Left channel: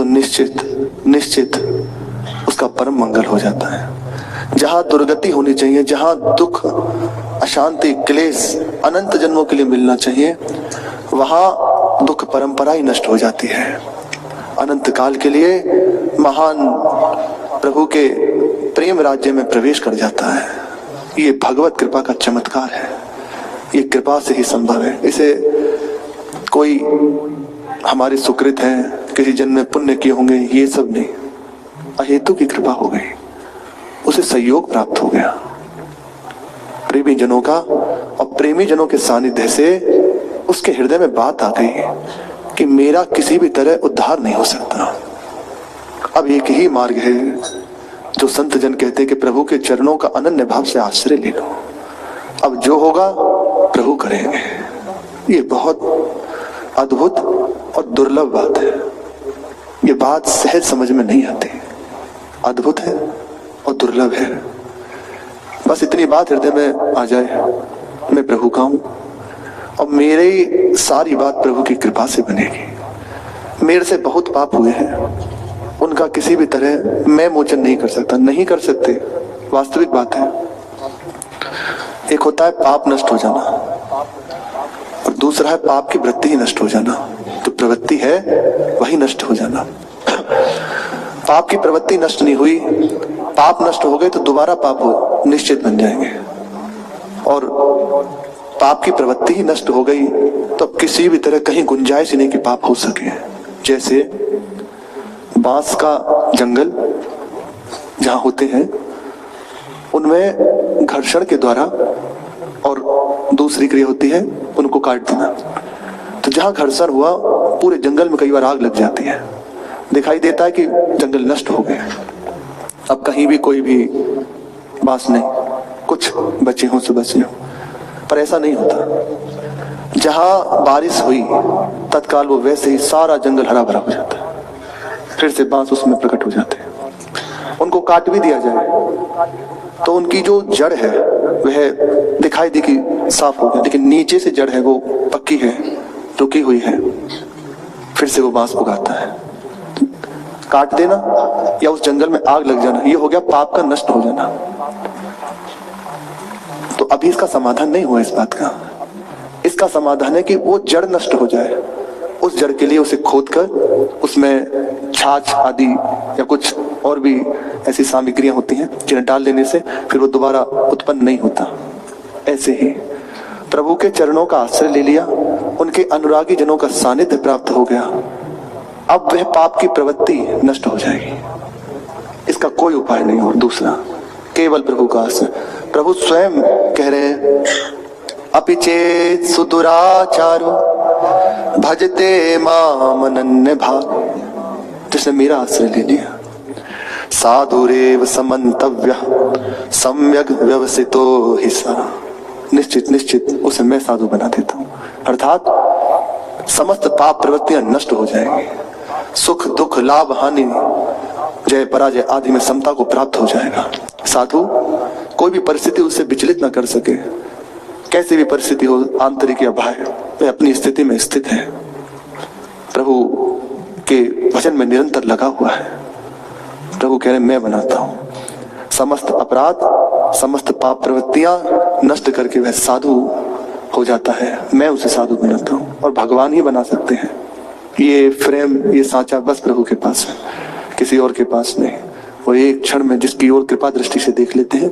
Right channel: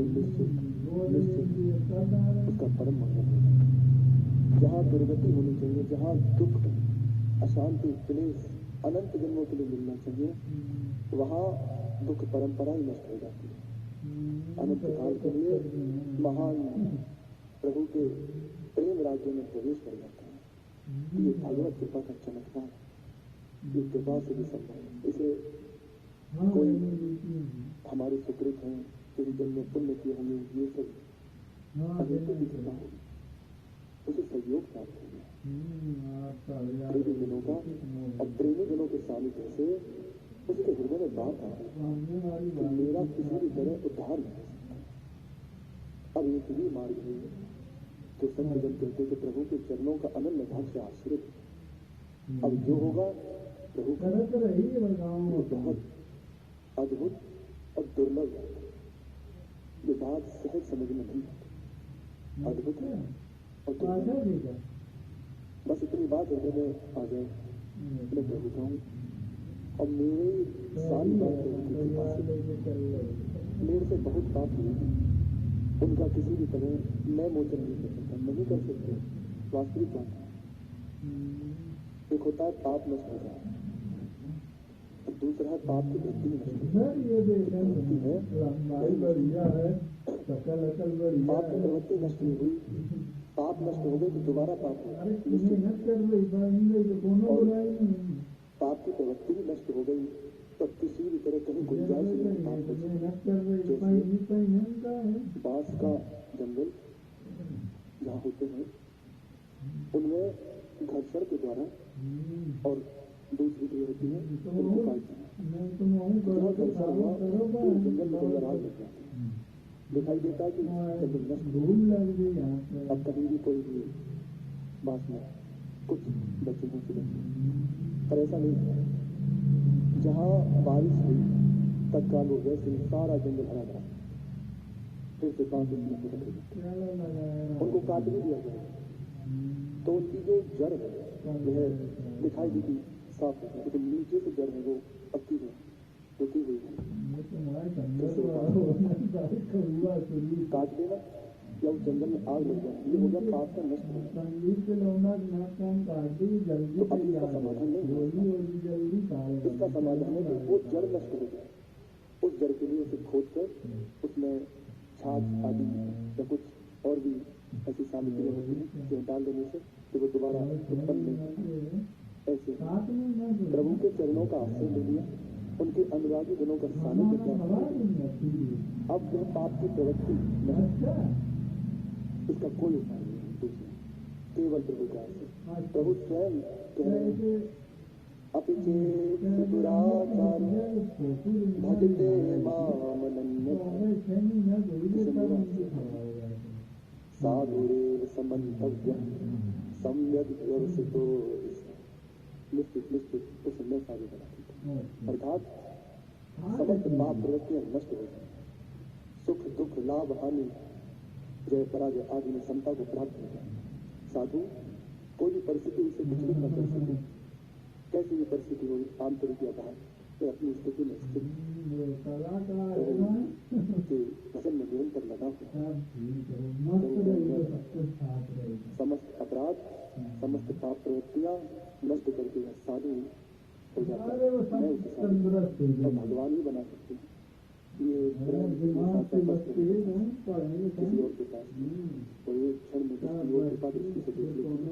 तो निश्चित निश्चित उसका परम मंगल हो जाता है। जहां दुर्गति होनी चाहिए, जहां दुख, अशांति, क्लेश अनंत जन्मों के लिए मिलना चाहिए, वहां दुख परंपरा ही नष्ट हो जाती है। अनंत काल के लिए महान प्रभु के प्रेम राज्य में प्रवेश कर जाता है। ये भगवत कृपा का चमत्कार है, ये कृपा से ही संभव है। इसे कोई हमारे सुकृत हैं, किसी जन्म में पुण्य किए होंगे, ये सब नहीं, अहेतु की कृपा हो गई, उसे सहयोग प्राप्त हो गया प्रेमी जनों का। और प्रेमी जनों के सानिध्य से उसके हृदय में बात आ गई कि मेरा किसी भी तरह उद्धार नहीं हो सकता। अब एक ही मार्ग है जो संत जन कहते हैं कि प्रभु के चरणों का अनन्य भाव से आश्रय ले लो, अब जो होगा प्रभु करेंगे। ये बहुत अद्भुत और दुर्लभ बात है, ये बात सहज समझ में नहीं आती, अद्भुत है और दुर्लभ है। बस इतनी बात हृदय में आ जाए, मैं प्रभु का हूं और मेरी सारी बात प्रभु की कृपा से बनेगी। मेरे से बहुत पाप हुए हैं, उनका किसी भी तरह मैं मोचन नहीं कर सकता, नहीं कर सकते, वास्तविक बात है। एक होता है पाप नष्ट हो जाना और दूसरा है पाप की वृत्ति ही नष्ट हो जाना। तो प्रवृत्ति है वही नष्ट हो जाना। पाप की प्रवृत्ति नष्ट नहीं हुई, पाप नष्ट हो गए तो दोबारा पाप हो निश्चित बन जाएंगे। और पाप की प्रवृत्ति ही नष्ट हो गई तो अब किसी भी तरह कहीं गुंजाइश ही नहीं कि पाप हो सके। जैसे बांस का जंगल जहां होते हैं उनमें घर्षण के द्वारा और दूसरी क्रिया होती है उनको काट देना। तो जहां घर्षण हुआ पूरे जंगल में कई बार आग लग जाती है, दिखाई देता है कि जंगल नष्ट हो गया, अब कहीं भी कोई भी बांस नहीं, कुछ बचे हों सो बचे हों, पर ऐसा नहीं होता। जहां बारिश हुई तत्काल वो वैसे ही सारा जंगल हरा भरा हो जाता है, फिर से बांस उसमें प्रकट हो जाते हैं। उनको काट भी दिया जाए तो उनकी जो जड़ है वह दिखाई दी कि साफ हो गया, लेकिन नीचे से जड़ है वो पक्की है, रुकी हुई है, फिर से वो बांस उगाता है। काट देना या उस जंगल में आग लग जाना, ये हो गया पाप का नष्ट हो जाना। तो अभी इसका समाधान नहीं हुआ इस बात का। इसका समाधान है कि वो जड़ नष्ट हो जाए। उस जड़ के लिए उसे खोदकर उसमें छाछ आदि या कुछ और भी ऐसी सामग्रियां होती हैं जिन्हें डाल देने से फिर वो दोबारा उत्पन्न नहीं होता। ऐसे ही प्रभु के चरणों का आश्रय ले लिया, उनके अनुरागी जनों का सानिध्य प्राप्त हो गया, अब वह पाप की प्रवृत्ति नष्ट हो जाएगी। इसका कोई उपाय नहीं। और दूसरा केवल प्रभु का आश्रय। प्रभु स्वयं कह रहे हैं अपि चेत सुदुराचारो भजते माम अनन्य भाग। जिसने मेरा आश्रय ले लिया साधुरेव समन्तव्य सम्यक व्यवसितो हि सा, निश्चित निश्चित उसे मैं साधु बना देता हूं। अर्थात समस्त पाप प्रवृत्तियां नष्ट हो जाएंगी, सुख दुख लाभ हानि जय पराजय आदि में समता को प्राप्त हो जाएगा। साधु कोई भी परिस्थिति उससे विचलित न कर सके, कैसी भी परिस्थिति हो, आंतरिक या बाह्य, वह अपनी स्थिति में स्थित है, प्रभु के भजन में निरंतर लगा हुआ है। प्रभु कह रहे मैं बनाता हूं। समस्त अपराध समस्त पाप प्रवृत्तियां नष्ट करके वह साधु हो जाता है, मैं उसे साधु बनाता हूं। और भगवान ही बना सकते हैं। ये फ्रेम, ये सांचा बस प्रभु के पास है, किसी और के पास नहीं। वो एक क्षण में जिसकी ओर कृपा दृष्टि से देख लेते हैं